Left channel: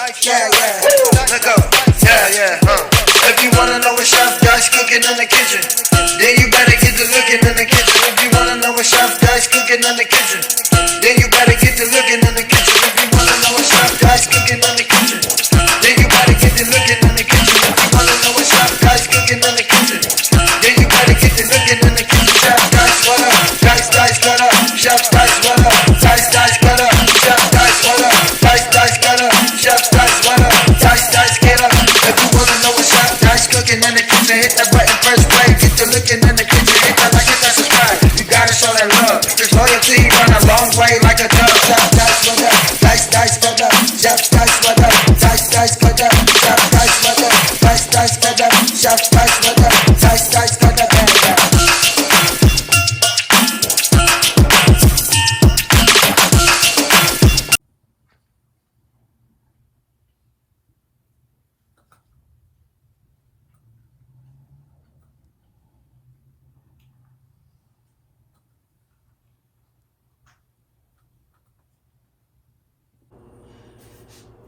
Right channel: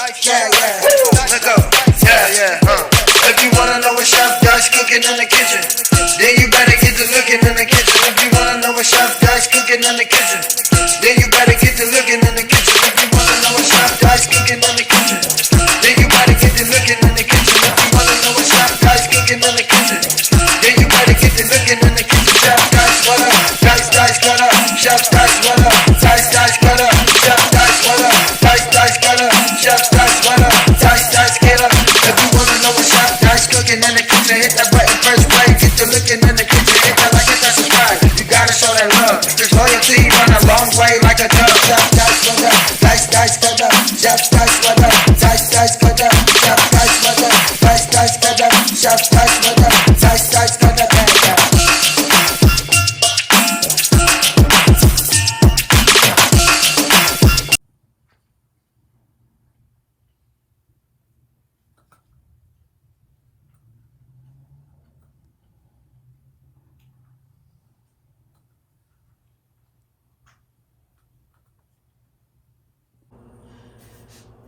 Yeah, let go. Yeah. If you wanna know what Chef Dice cooking in the kitchen, then you better get to looking in the kitchen. If you wanna know what Chef Dice cooking in the kitchen, then you better get to looking in the kitchen. If you wanna know what Chef Dice cooking in the kitchen, then you better get to looking in the kitchen. If you wanna know what Chef Dice cooking in the kitchen, then you better get to looking in the kitchen. Chef Dice, what up? Dice, what up? Chef Dice, what up? Dice, what up? Chef Dice, what up? Dice, what up? Chef Dice, what up? Dice, get up. If you wanna know what Chef Dice cooking in the kitchen, hit that button first play. Get to looking in the kitchen, hit that like, hit that subscribe. You gotta show that love. There's loyalty run a long way like a dove. Chef Dice, what up? Dice, what up? Chef Dice, what up? Dice, what up? Chef Dice, what up? Dice, what up? Chef Dice, what up? Dice, what up?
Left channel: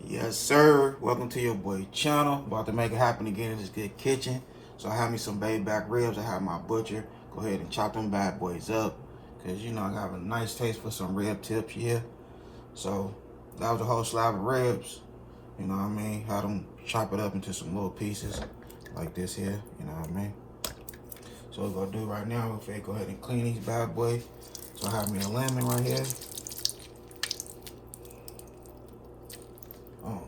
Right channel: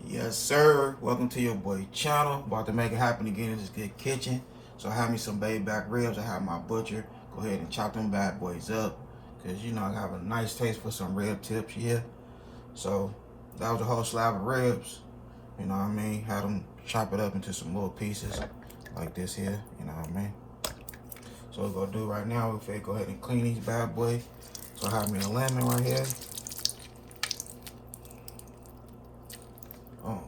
Yes, sir. Welcome to your boy channel. About to make it happen again in this good kitchen. So I have me some baby back ribs. I have my butcher go ahead and chop them bad boys up, because you know I have a nice taste for some rib tips here. So that was a whole slab of ribs. You know what I mean? Had them chop it up into some little pieces like this here. You know what I mean? So what we're gonna do right now, we're gonna go ahead and clean these bad boys. So I have me a lemon right here. Oh.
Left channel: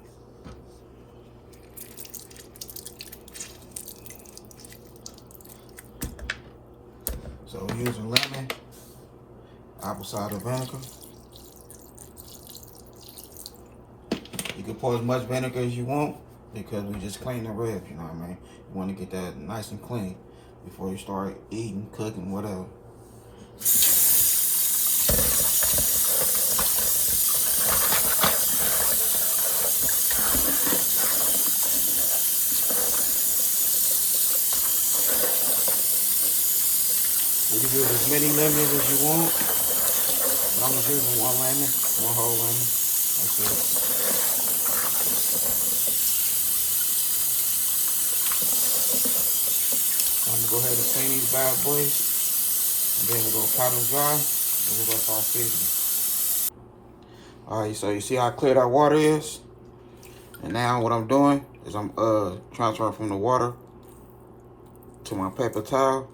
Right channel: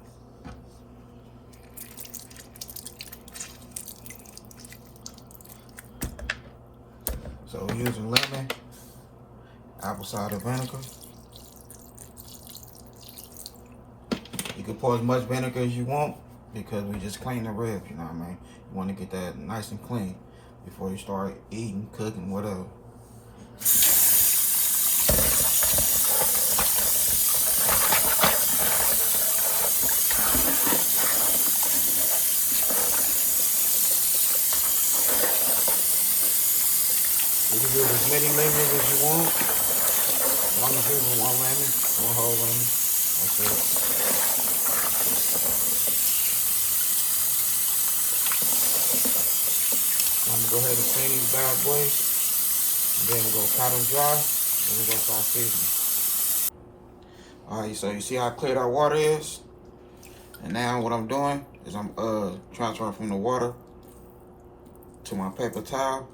So we're using lemon, apple cider vinegar. You can pour as much vinegar as you want, because we just clean the ribs, you know what I mean? You want to get that nice and clean before you start eating, cooking, whatever. You can use as many lemons as you want. As long as you're using one lemon, one whole lemon. That's it. So I'm gonna go ahead and clean these bad boys, and then we're gonna pot them dry, and we're gonna start seasoning. Alright, so you see how clear that water is? And now what I'm doing is I'm transferring from the water to my paper towel.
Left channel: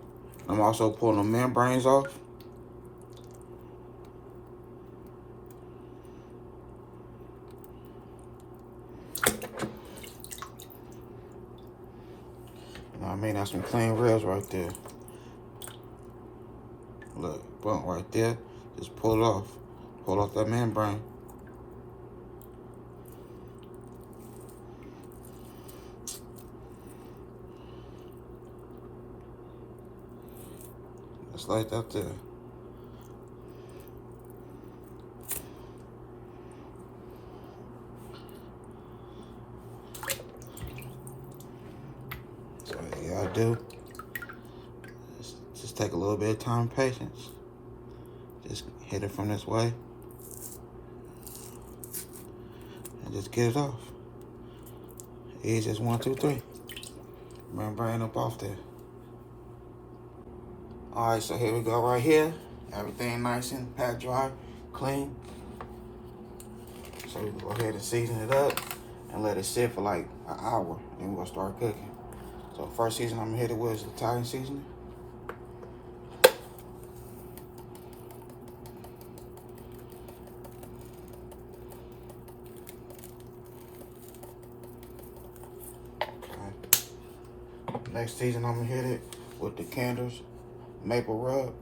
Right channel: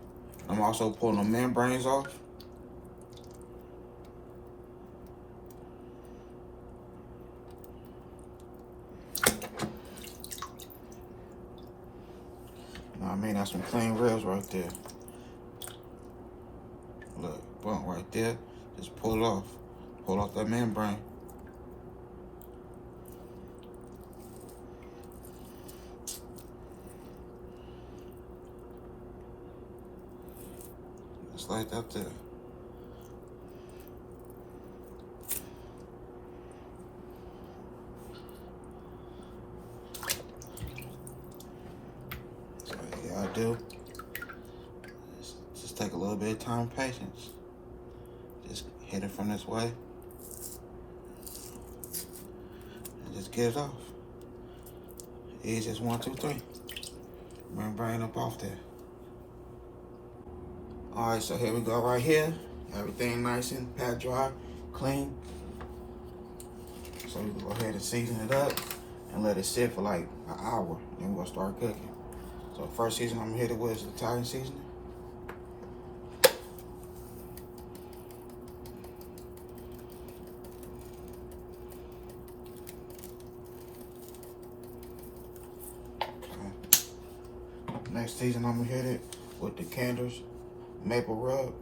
I'm also pulling the membranes off. You know what I mean? That's some clean ribs right there. Look, boom, right there. Just pull it off. Pull off that membrane. Just like that there. So you gotta do. Just take a little bit of time and patience. Just hit it from this way. And just get it off. Easy as 1, 2, 3. Membrane up off there. Alright, so here we go right here. Everything nice and pat dry, clean. So you can go ahead and season it up and let it sit for like an hour. Then we're gonna start cooking. So first seasoning I'm gonna hit it with is Italian seasoning. Okay. Next season I'm gonna hit it with the Cander's maple rub.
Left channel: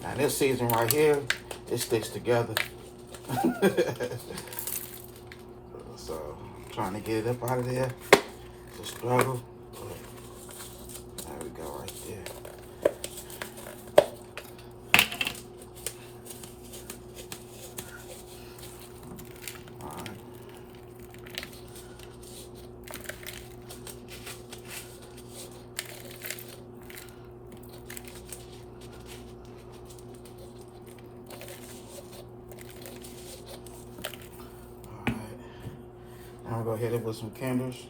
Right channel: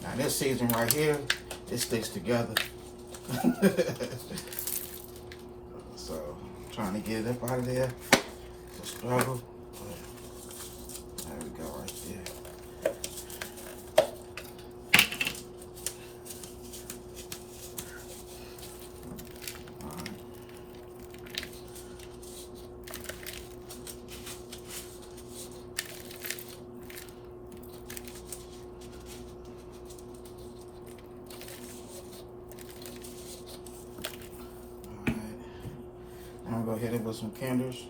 Now this season right here, it sticks together. So I'm trying to get it up out of there. It's a struggle. There we go, right there. I'm gonna hit it with some candles,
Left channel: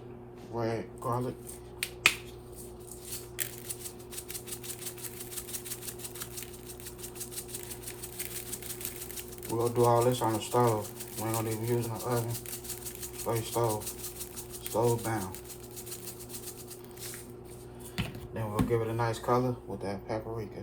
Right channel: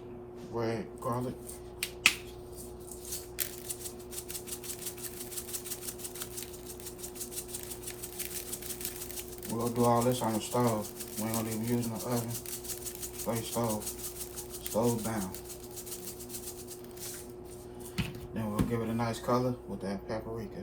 red garlic. We're gonna do all this on the stove. We ain't gonna even use no oven. Straight stove. Stove down. Then we'll give it a nice color with that paprika.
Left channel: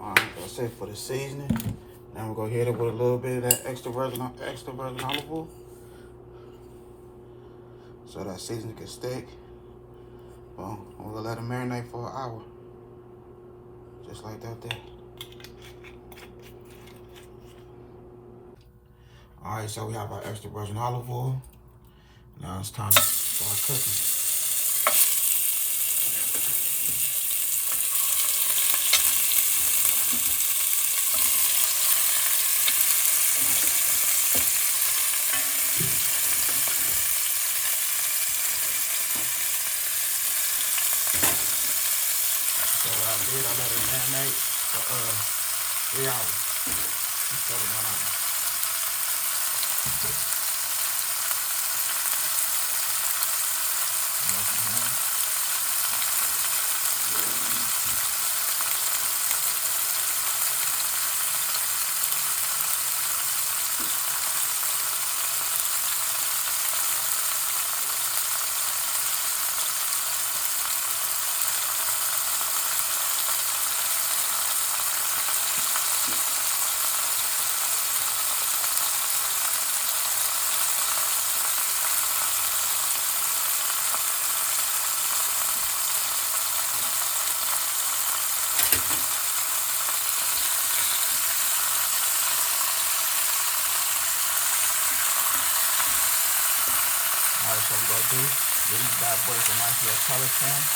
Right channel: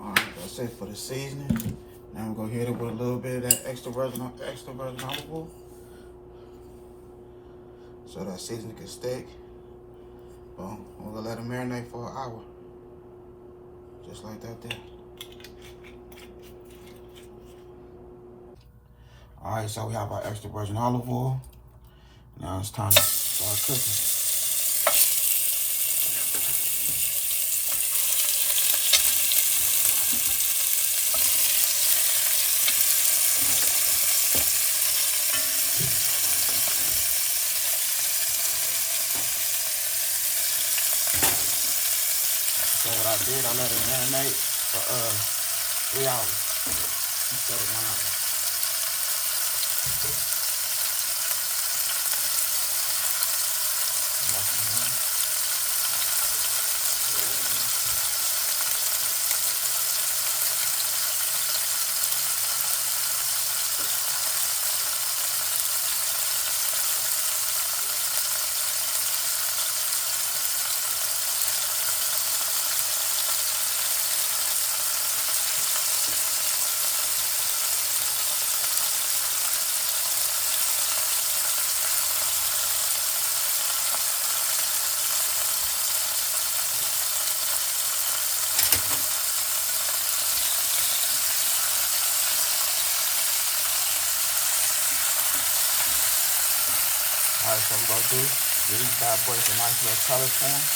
Alright, that's it for the seasoning. Now we're gonna hit it with a little bit of that extra virgin olive oil, so that seasoning can stick. Boom. We're gonna let it marinate for an hour. Just like that there. Alright, so we have our extra virgin olive oil. Now it's time to start cooking. So what I did, I let it marinate for 3 hours instead of 1 hour. Alright, so what I do, these bad boys a nice little color change.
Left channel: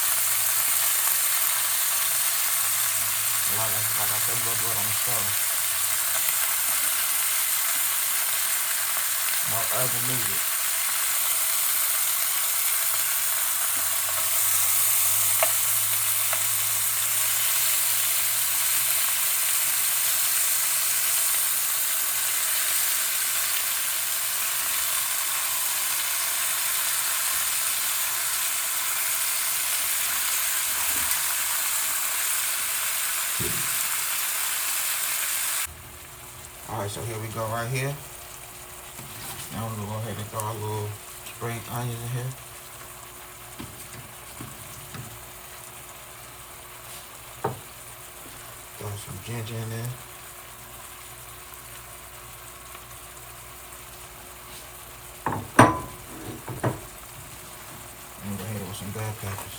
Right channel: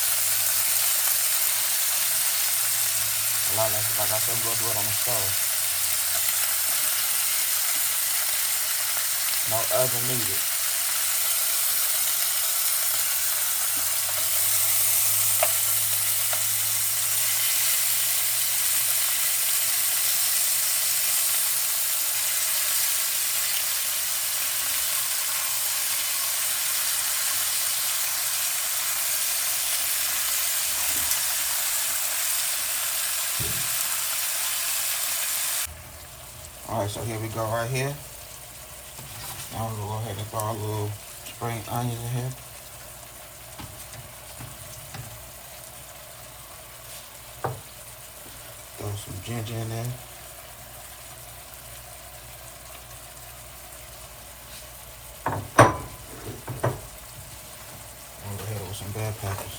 Like I said, we'll do it on the stove. No oven needed. Alright, so here we go right here. Now we're gonna go ahead and throw our little spring onions in here. Throw some ginger in there. And go ahead with some bell peppers.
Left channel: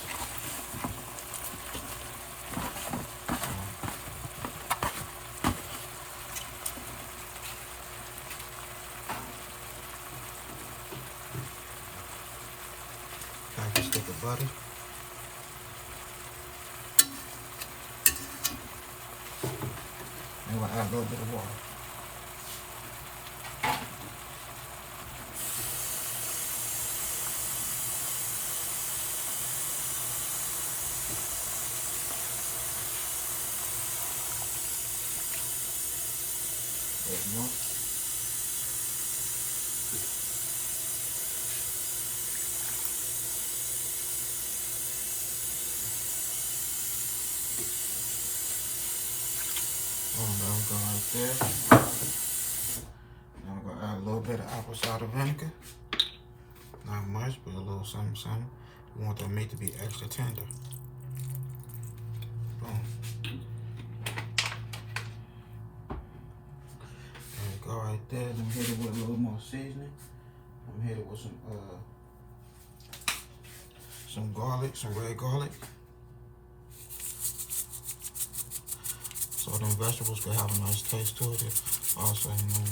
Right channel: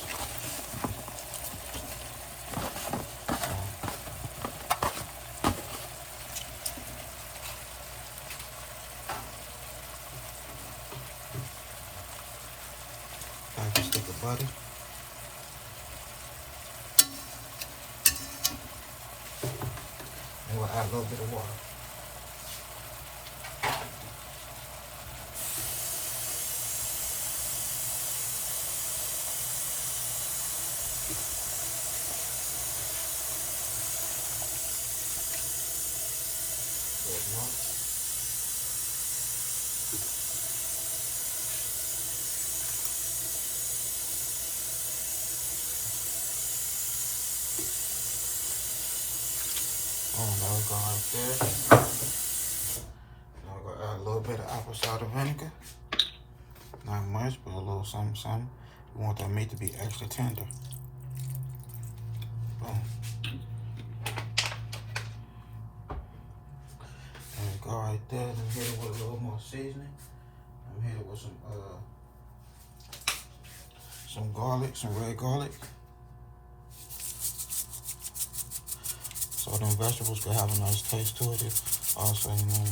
Stick of butter. And we'll add a little bit of water. There you go. Now we're going right there. Now we're going to add a little bit of apple cider vinegar. Not much, but a little something, something. We want that meat to be extra tender. Boom. There we go right there. Let me hit it with a little more seasoning. Let me hit it with some garlic, some red garlic. So them vegetables can have a nice taste to it. Also, you know.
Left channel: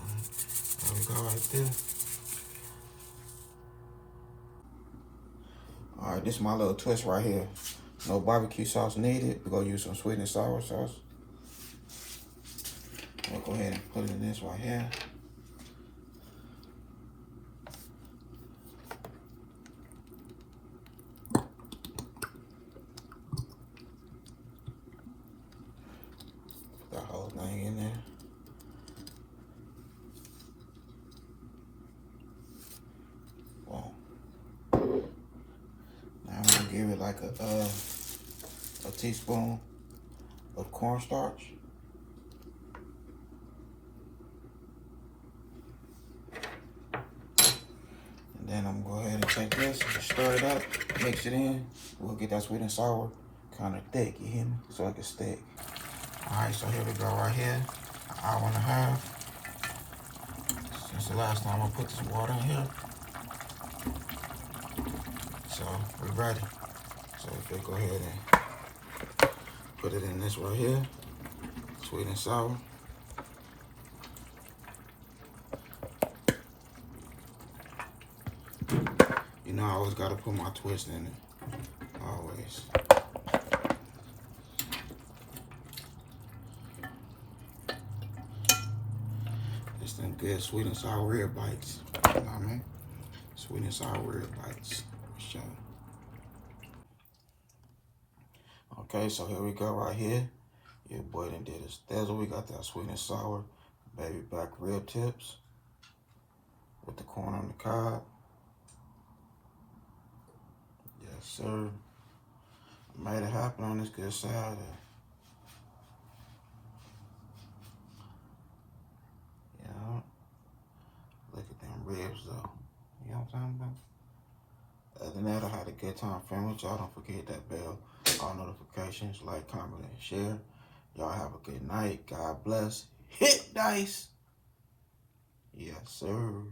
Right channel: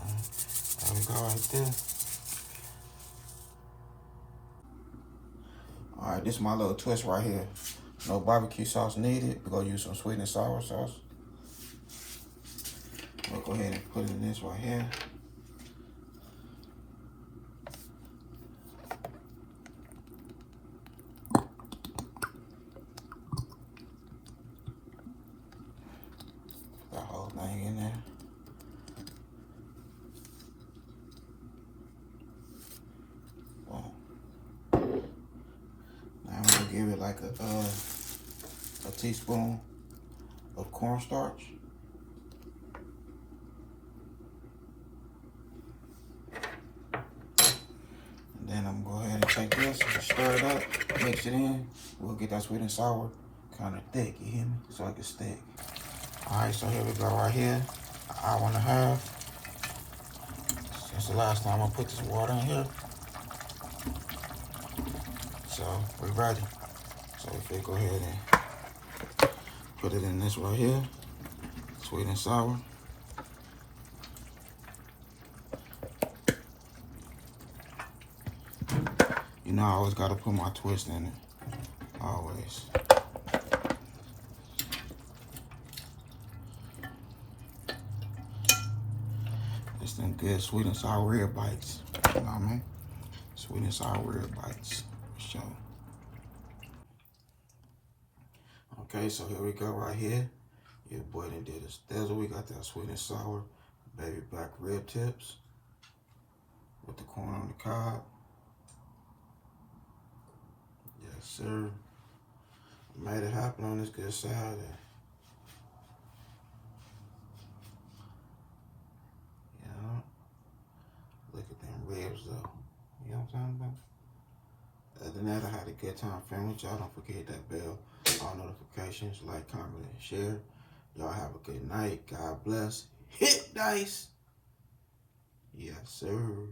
Alright, there we go right there. Alright, this is my little twist right here. No barbecue sauce needed. We're gonna use some sweet and sour sauce. go ahead and put it in this right here. That whole thing in there. Boom. Now I'm gonna give it like a teaspoon of cornstarch. And then I'm gonna go ahead and take this, stir it up, mix it in. We'll get that sweet and sour kind of thick, you hear me? So it can stick. Alright, so here we go right here. An hour and a half. Since the last time I put this water in here. So we're ready. So if you go ahead and put it in this right here, sweet and sour. You know I always gotta put my twist in it. Always. It's them good sweet and sour rib bites. You know what I mean? Sweet and sour rib bites. Okay, so here we go right here. Your boy done did a stezzle. We got that sweet and sour baby back rib tips with the corn on the cob. Yes, sir. Made it happen on this good Saturday. Yeah. Look at them ribs though. You know what I'm talking about? Other than that, I had a good time filming with y'all. Don't forget that bell, all notifications, like, comment, and share. Y'all have a good night. God bless. Hit dice. Yes, sir.